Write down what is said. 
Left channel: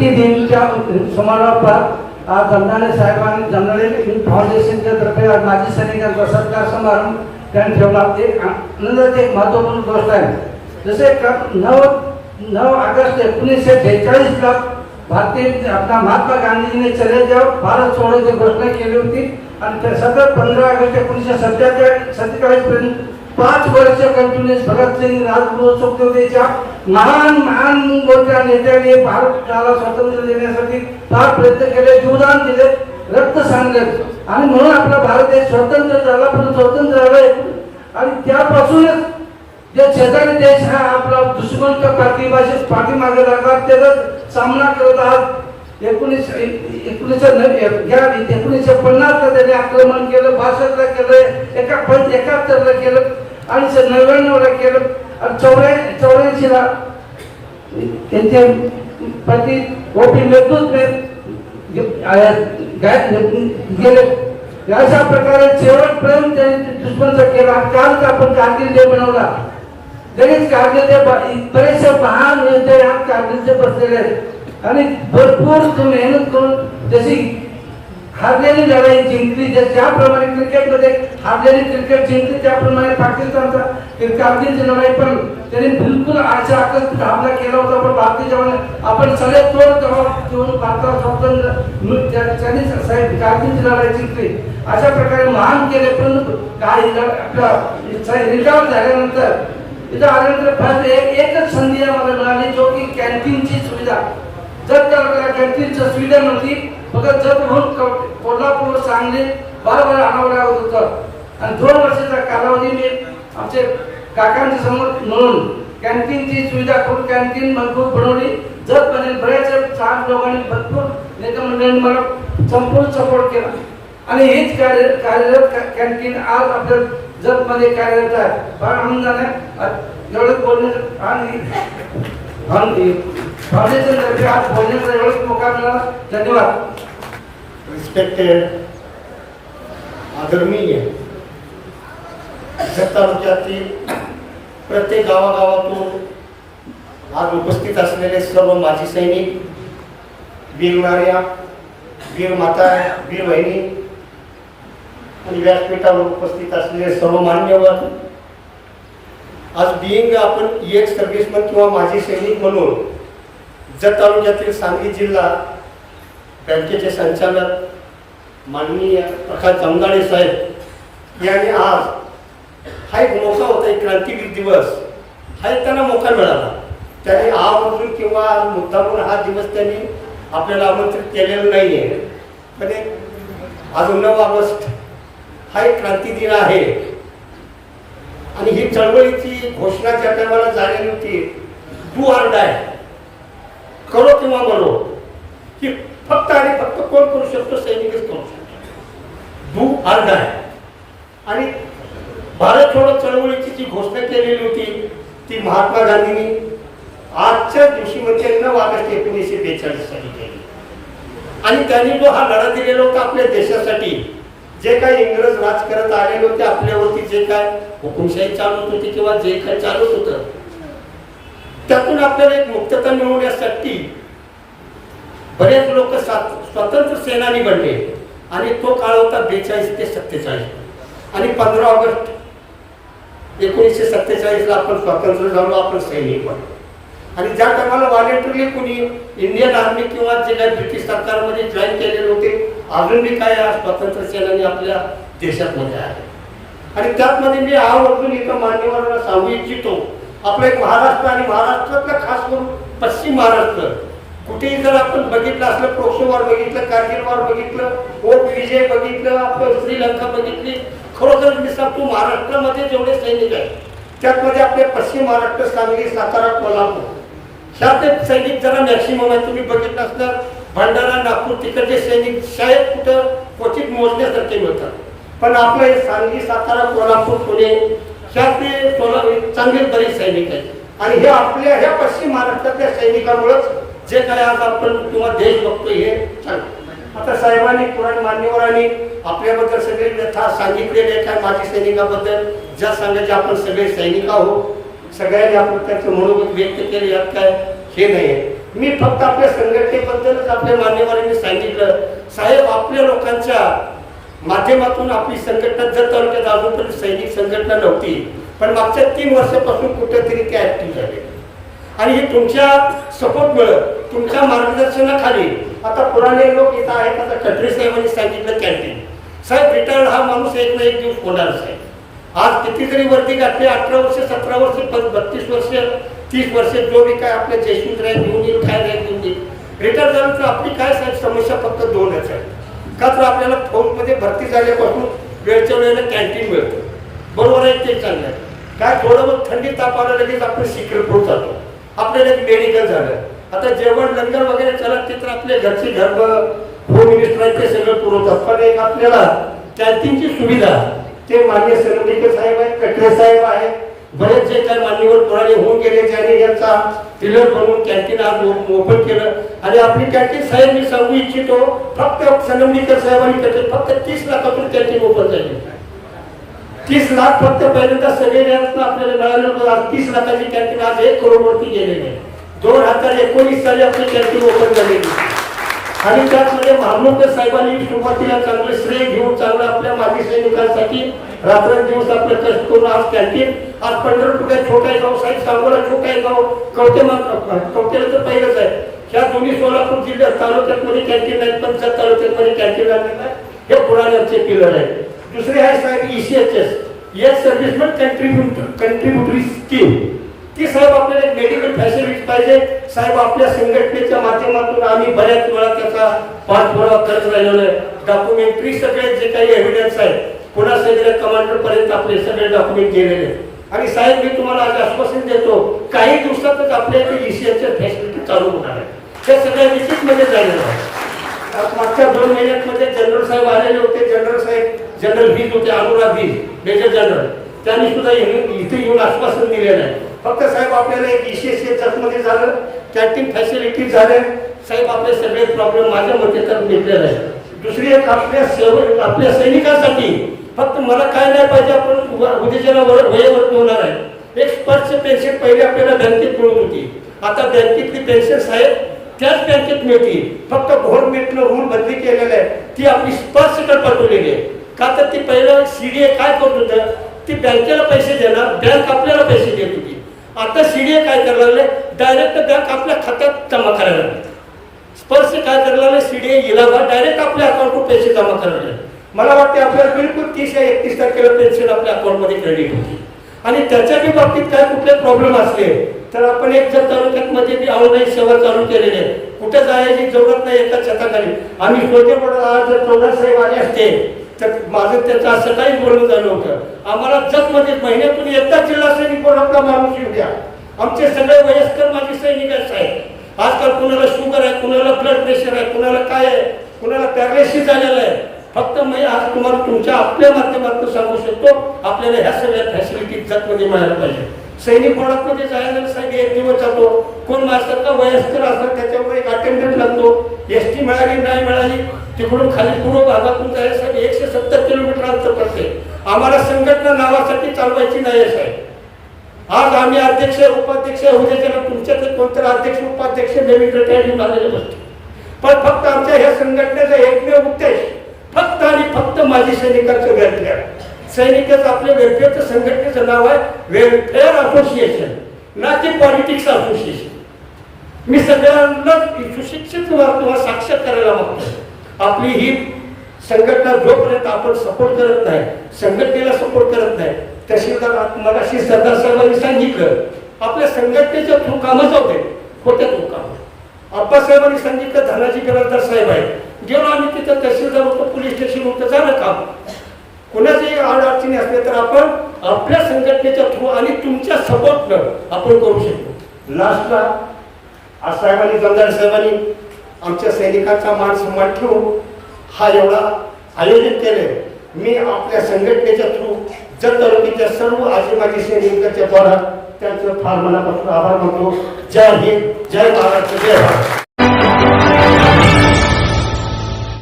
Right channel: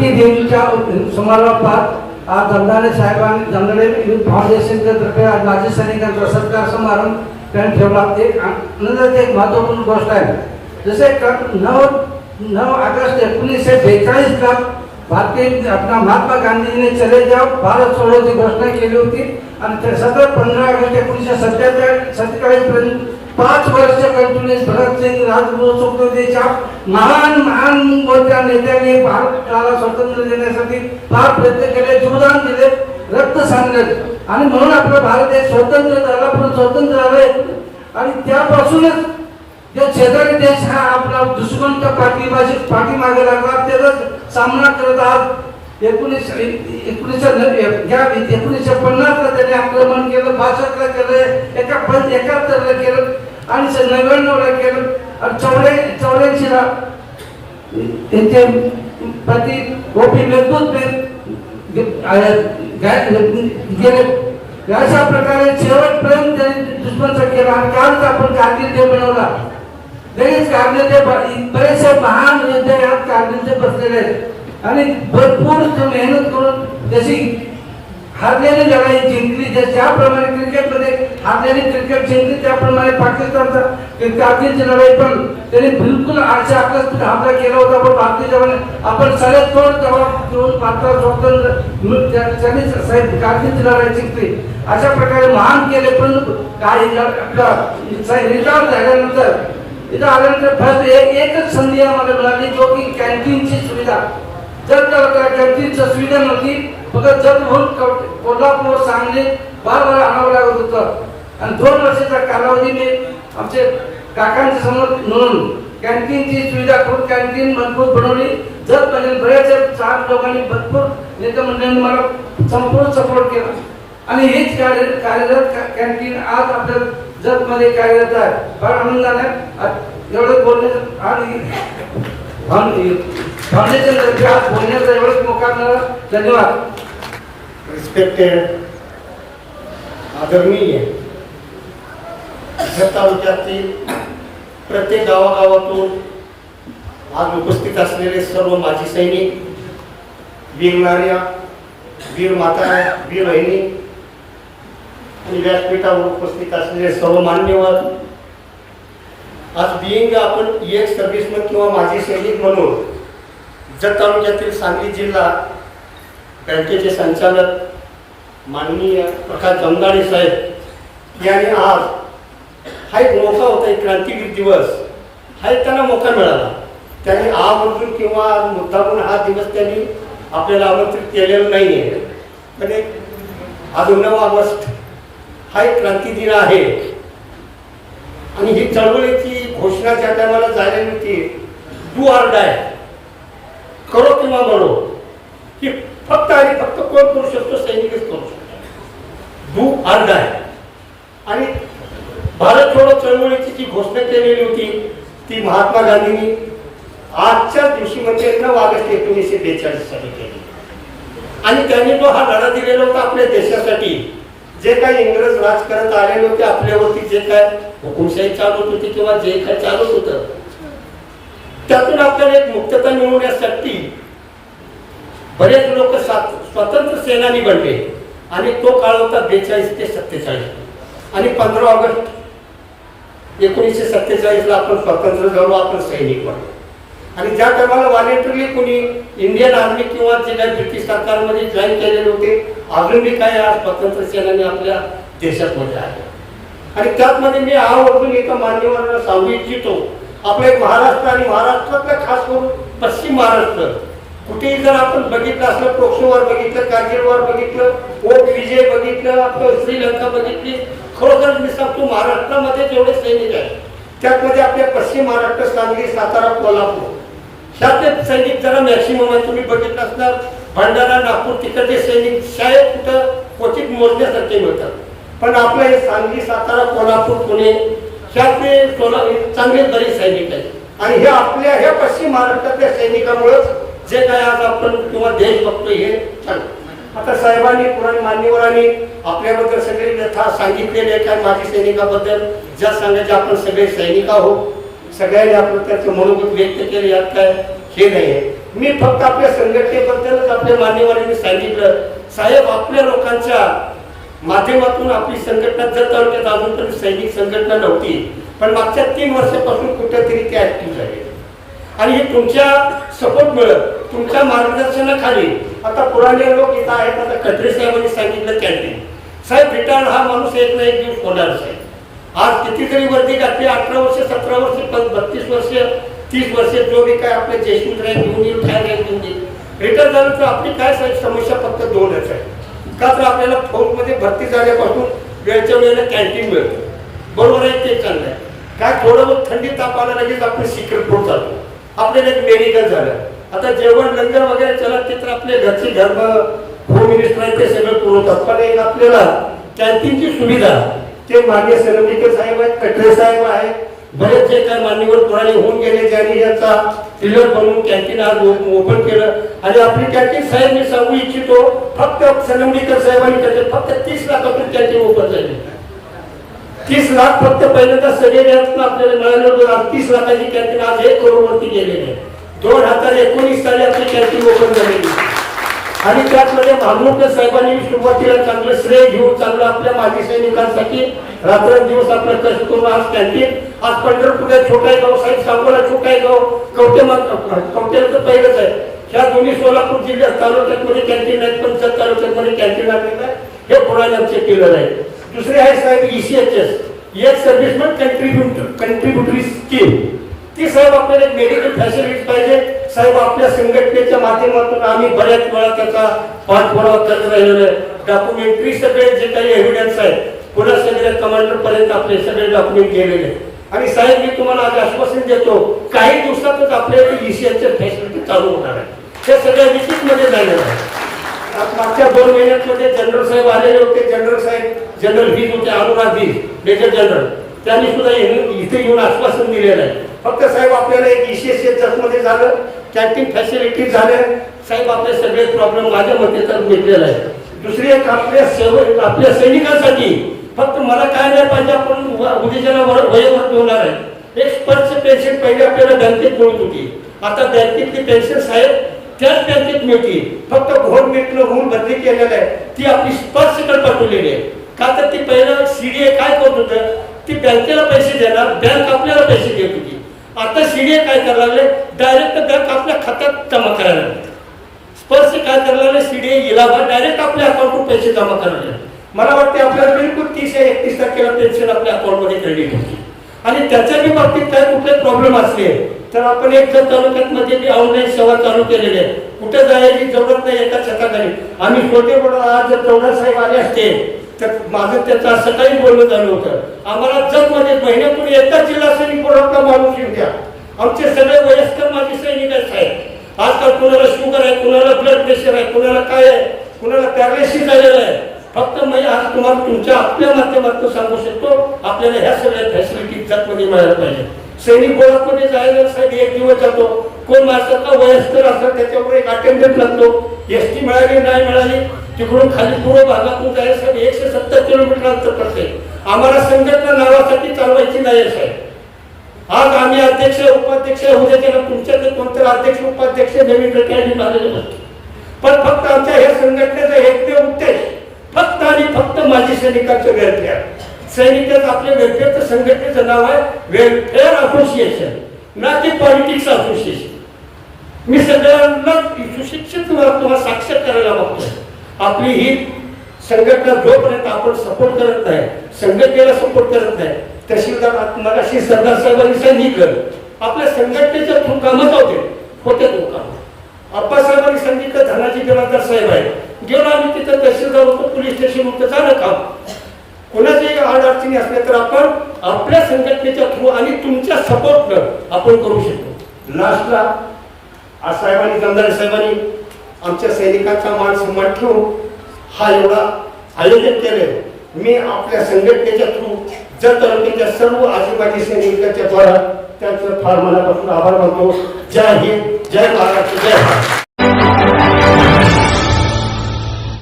भारतीय दिनीच्या समारोपात आज जमदाने साहेबांनी जमदाने फाउंडेशनच्या तर्फे आज माजी सैनिकांचा सत्कार समारंभ त्यांनी ठेवला. ते आनंदाची एक महत्त्वपूर्ण गोष्ट आहे. जसे नऊ नऊ ऑगस्ट एकोणीसशे बेचाळीसला भारतीय आपला महात्मा गांधीजीने चले जाव भारत सोडण्याची घोषणा केली होती. आणि त्या सतत पंधरा ऑगस्ट एकोणीसशे सत्तेचाळीस सत्तेचाळीस पर्यंत पाच वर्ष कंटिन्युअस भगतसिंग राजगुरू सुखदेवच्या महान महान मोठ्या नेत्याने भारताला स्वातंत्र्य देण्यासाठी फार प्रयत्न केले जीवदान दिले रक्त सांगले. आणि म्हणून आपला भारत देश स्वतंत्र झाला पण स्वतंत्र झालाय आणि त्यापासूनच जे शेजारी देश हा आपला दुश्मनच्या पाठीमाशी पाठीमागे लागला त्याचा सामना करत आहात. एकोणीस एकोणीसशे या एकोणीसशे पन्नासला त्याने आक्रमण केलं बासष्टला केलं एका एकाहत्तरला केलं. आणि नव्याण्णवला केलं. आणि चौऱ्या चौऱ्याऐंशीला त्यांचे पती गोपी नेतृत्व गेले. अशा प्रकारे शेवटपर्यंत त्यांनी दुश्मनचा केला. आणि कालच आपण कारगिल डे बनवला. लगेच कारगिल डे बरेचसे महान योद्धे आज कारगिल डे बसलेले आहेत. आणि भरपूर मेहनत करून जशी हारलेली लढाई जिंकली. जर ज्याप्रमाणे क्रिकेटमध्ये हारलेली क्रिकेट जिंकली त्याप्रमाणे पाकिस्तानचा ते कारगिलची लढाई पण त्यांनी बिलकुल अशा आकस्मित हमला केला होता. पण भारतीय जवान आपण सगळे तोड जबाब देऊन भारताला स्वातंत्र्य त्यांनी साहेब कारगिलची लढाई जिंकली. अशा प्रकारे महान केले. परंतु काही आपला साहेब रिटायर झाल्यानंतर इथं आल्यानंतर फक्त एक एकच संधी आम्हाला मिळाली जो की कॅन्टीनची सुविधा. जर त्या कॅन्टीनच्या सुविधा नव्हती फक्त जर म्हणून कोल्हापूर सांगली बार बार आणावं लागत होतं. आणि दोन वर्षाचा कालावधी मी आमचे काकांच्या समोर म्हणून कॅन्टीनची सुविधा खूप कॅन्टीन मजबूत बनवली. जर म्हणजे बऱ्याच चार लोकांनी भरपूर नेता मंडळांनी मला संपूर्ण सपोर्ट केला. आणि हेच कार्य कार्यरत कॅन्टीन आज आपल्या जगमध्ये कार्यरत आहे. फार आनंदाने आज एवढं बोलणे आणि फाउंडेशन तर्फे आज बोलण्याचा एवढंच मोका धन्यवाद. रिस्पेक्टेड आदरणीय जत तालुक्यातील प्रत्येक गावागावातून आज उपस्थित असलेले सर्व माजी सैनिक वीर वीर माता वीर बहिणी आणि व्यासपीठावर उपस्थित असलेले सर्व मान्यवर आज बिईंग आपण एक सर्व्हिसमन किंवा माजी सैनिक म्हणून जत तालुक्यातील सांगली जिल्हा बँकेचे संचालक माननीय प्रकाश जमदाडे साहेब यांनी आज हा एक मोका होता एक क्रांतीवीर दिवस. हा एक त्यांना मोका मिळाला. त्यांनी आवर्जून किंवा आज मुद्दामून हा दिवस त्यांनी आपल्याला आमंत्रित केलेला नाही आहे पण एक आज नऊ ऑगस्ट हा एक क्रांती दिन आहे. आणि ही चळवळीची घोषणा ज्या टायमाला झालेली होती डू आर डाय. करो किंवा म्हणो की फक्त आणि फक्त कोण करू शकतो? सैनिकच करू शकतो. दू आर आहे. आणि भारत छोडो चळवळीची जी घोषणा केलेली होती ती महात्मा गांधींनी आजच्या दिवशी म्हणजे नऊ ऑगस्ट एकोणीसशे बेचाळीस साली केली. आणि त्यांनी जो हा लढा दिलेला होता आपल्या देशासाठी जे काही इंग्रज राज करत आलेले होते आपल्यावरती जे काय हुकुमशाही चालवत होती किंवा जे काय चालत होतं त्यातून आपल्याला एक मुक्तता मिळवण्यासाठी बरेच लोक स्वतंत्र सेनानी बनले. आणि तो काळ होता बेचाळीस ते सत्तेचाळीस. आणि पंधरा ऑगस्ट एकोणीसशे सत्तेचाळीसला आपण स्वतंत्र झालो आपण सैनिक बनलो आणि ज्या टायमाला व्हॉलेंटरली कोणी इंडियन आर्मी किंवा जे काही ब्रिटिश सरकारमध्ये जॉईन केलेले होते अजून बी स्वतंत्र सेनानी आपल्या देशामध्ये आहे. आणि त्याचमध्ये मी आवर्जून एका मान्यवरांना सांगू इच्छितो. आपला एक महाराष्ट्र आणि महाराष्ट्रातला खास करून पश्चिम महाराष्ट्र. कुठेही जर आपण बघितलं असलं प्रोक्षोवर बघितलं कारगिलवर बघितलं ओक विजय बघितलं आपलं श्रीलंका बघितली खरोखर मी सांगतो महाराष्ट्रामध्ये जेवढे सैनिक आहेत त्यातमध्ये आपले पश्चिम महाराष्ट्र सांगली सातारा कोल्हापूर. ह्यातले सैनिक जरा मॅक्सिमम आहे तुम्ही बघितलं असणार भंडारा नागपूर तिकडचे सैनिक शाळेत कुठं क्वचित मोजण्यासारखे मिळतात. पण आपलं हे सांगली सातारा कोल्हापूर पुणे ह्यातले सोला चांगले बरेच सैनिक आहेत. आणि हे आपल्या ह्या पश्चिम महाराष्ट्रातल्या सैनिकांमुळेच जे काय आज आपण किंवा देश बघतोय हे चालू आता साहेबांनी पुराण मान्यवरांनी आपल्याबद्दल सगळे व्यथा सांगितलेले आहे काय माजी सैनिकाबद्दल ज्या सांगायचे आपण सगळे सैनिक आहोत. सगळ्यांनी आपण त्यांचे मनोगत व्यक्त केले यात काय हे नाही आहे. मी फक्त आपल्या संघटनेबद्दलच आपल्या मान्यवरांनी सांगितलं. साहेब आपल्या लोकांच्या माध्यमातून आपली संघटना जर तालुक्यात अजूनपर्यंत सैनिक संघटना नव्हती पण मागच्या तीन वर्षापासून कुठेतरी ते ऍक्टिव्ह झाले. आणि हे तुमच्या सपोर्ट मिळत तुमच्या मार्गदर्शनाखाली आता पुराणे लोक इथं आहेत आता कटरे साहेबांनी सांगितलं कॅन्टीन साहेब रिटायर हा माणूस एक ना एक दिवस होणार साहेब आज कितीतरी वर्दी घातली अठरा वर्ष सतरा वर्ष पण बत्तीस वर्ष तीस वर्ष जो बी काय आपल्या जयसिंग राय घेऊन येईल काय रँक घेऊन येईल. रिटायर झालं तर आपली काय साहेब समस्या फक्त दोनच आहे का तर आपल्याला फौजमध्ये भरती झाल्यापासून वेळच्या वेळेला कॅन्टीन मिळतं. बरोबर आहे ते चांगलं आहे. काय थोडं बहुत थंडी ताप आला लगेच आपण सिक्रेट प्रूफ जातो आपल्याला एक मेडिकल झालं. आता जेवण लंगर वगैरे चला ते तर आपले घरचे घर होम मिनिस्टर आहे ते सगळं पुरवतात. पण एक आपल्याला कॅन्टीनची सुविधा ते मान्य सरंडिके साहेब आहेत कटरे साहेब आहेत. बरेच जे काही मान्यवर पुराणे होऊन गेले ज्यांनी याचा टिलर बनवून कॅन्टीन आज ओपन केलं. आणि आपली कॅन्टीन साहेब मी सांगू इच्छितो फक्त संगमनेकर साहेबांनी त्याचे फक्त तीस लाखातून कॅन्टीन ओपन झाली. तीस लाख फक्त पहिल्यांदा सगळे आपल्याला मिळालं तीस लाखाची कॅन्टीन आज एक करोड वरती गेलेली आहे. दोन हजार एकोणीस साली आपली कॅन्टीन ओपन झालेली. आणि त्यामध्ये महामुकर साहेबांनी सुरुवातीला चांगलं श्रेय घेऊन चांगलं आपल्या माजी सैनिकांसाठी रात्रंदिवस आपलं कष्ट करून आज कॅन्टीन आज पंढरपूरच्या छोटा गाव साहेब सांगोला छोटा गाव कवटे कवटेला तर पहिलंच आहे. ह्या दोन्ही सोलापूर जिल्ह्यात तालुक्यात कॅन्टीन आहेत पंचायत तालुक्यात कॅन्टीन लागलेलं आहे. हे पुराणांचे किलर आहे दुसरे आहे साहेब E ईसीएचएस एक सर्व्हिसमेंट कंट्रीब्युटर कंट्रीब्युटरी स्कीम ती साहेब आपल्याला एक मेडिकल फॅसिलिटी पाहिजे. साहेब आपल्या संघटनेच्या माध्यमातून आम्ही बऱ्याच वेळा त्याचा पाठपुरावा करत राहिलेलो आहे. डॉक्युमेंटरी सगळे जे काही एव्हिडन्स आहेत पुन्हा सगळ्या कमांडर पर्यंत आपले सगळे डॉक्युमेंट गेलेले आणि साहेब मी तुम्हाला आज आश्वासन देतो काही दिवसातच आपल्या इथे ईसीएसच्या फॅसिलिटी चालू होणार आहे हे सगळ्या विजिटमध्ये झालेलं आहे. मागच्या दोन महिन्यांमध्ये जनरल साहेब आलेले होते. जनरल साहेब जनरल व्हीज होते अनुराग व्हीज मेजर जनरल त्यांनी सुद्धा इथे येऊन आश्वासन दिलेलं आहे. फक्त साहेब आपल्याला एक E ईसीएसमध्ये झालं. कॅन्टीन फॅसिलिटी झाल्या साहेब आपले सगळे प्रॉब्लेम माझ्या मते तर मिटलेला आहे दुसरी एक आपल्या सेव आपल्या सैनिकांसाठी फक्त मला काय नाही पाहिजे आपण व- उद्याच्याला वर होणार आहे. एक स्पर्श पेन्शन पहिले आपल्याला बँकेत मिळत होती. आता बँकेतली पेन्शन साहेब त्याच बँकेत मिळते. फक्त गव्हर्नमेंटनं रूल बदली केलेलं आहे ती आपली स्पर्शकडे पाठवलेली आहे. का तर ती पहिलं सीडीए काय करत होतं? ती बँकेला पैसे देणार बँक आपल्याला पैसे देत होती. आता सीडीए काय करायला लागले डायरेक्ट बँक आपल्या खात्यात जमा करायला लागले स्पर्श काय करायला लागले सीडीए इलाबा डायरेक्ट आपल्या अकाउंटवर पैसे जमा करायला लागले मला वाटते आपल्याला बिलकुल तीस या एकतीस तारखेला पेन्शन आपल्या अकाउंटमध्ये क्रेडिट होती आणि त्याच्याही बाबतीत काय कुठले प्रॉब्लेम असले तर आपण एक जर तालुक्यात मी ऑनलाईन सेवा चालू केलेली आहे कुठे जायची जरूरत नाही एका छताखाली. आम्ही छोटे मोठे आज जर चौदा साहेब आले असते तर माझं त्याचं असं सकाळी बोलणं झालं होतं. आम्हाला जगमध्ये म्हणजे महिन्यातून एकदा जिल्हा सैनिक पुरवठा माणूस येऊ द्या. आमचे सगळे वयस्कर माझे सैनिक आहेत आजकाल कुणाला शुगर आहे कुणाला ब्लड प्रेशर आहे कुणाला काय आहे कुणाला पॅरालिसिस झालेलं आहे. फक्त मी आज तुम्हाला तुमच्या आपल्या माध्यमातून सांगू शकतो आपल्याला ह्या सगळ्या फॅसिलिटी जगमध्ये म्हणजे मिळायला पाहिजे सैनिक बोळामध्ये जायला साहेब एक दिवस जातो. कोण माणसाचा वयस्कर असं त्याच्यावर एक अटेंडन्स लागतो. एस टी मिळाली नाही मिळाली तिकडून खाली पूर्व भागातून जायला एकशे सत्तर किलोमीटर अंतर पडते आम्हाला संघटना नावासाठी चालवायची नाही आहे साहेब. आज आम्ही अध्यक्ष उपाध्यक्ष उद्या त्याला तुमच्याकडे कोणतरी अध्यक्ष उपाध्यक्ष नवीन रिटायरिंग झालेले नसतो पण फक्त आमच्या ह्या संघटनेचा एकमेव उद्देश फक्त आणि फक्त माजी सैनिकांचं वेलफेअर सैनिकच आपल्या वेलफेअरचं संघटनेचं नाव आहे वेलफेअर असोसिएशन ना की पॉलिटिक्स असोसिएशन मी सगळ्यांना सुशिक्षित तुम्हाला तुम्हाला साक्षात करायला मागतो आपली ही संघटना जोपर्यंत आपण सपोर्ट करत नाही संघटनेला सपोर्ट करत नाही तहसीलदार मगाशी सरदार साहेबांनी सांगितलं आपल्या संघटनेच्या थ्रू कामच होते होते तो काम. आप्पासाहेबांनी सांगितलं धनाजी बिराजदार साहेब आहेत. गेलो आम्ही तिथं तहसीलदार होतो पोलीस स्टेशन होतं झालं काम. कोणाच्याही आड अडचणी असल्या तर आपण आपल्या संघटनेच्या थ्रू आणि तुमच्या सपोर्टनं आपण करू शकतो. लास्टला आज साहेबांनी जमदार साहेबांनी आमच्या सैनिकांचा मान सन्मान ठेवून हा एवढा आयोजन केले मी आपल्या संघटनेच्या थ्रू जर तालुक्याच्या सर्व आजी माजी सैनिकांच्या द्वारा त्यांचं फार मनापासून आभार मानतो. जय हिंद जय महाराष्ट्र जय भारत.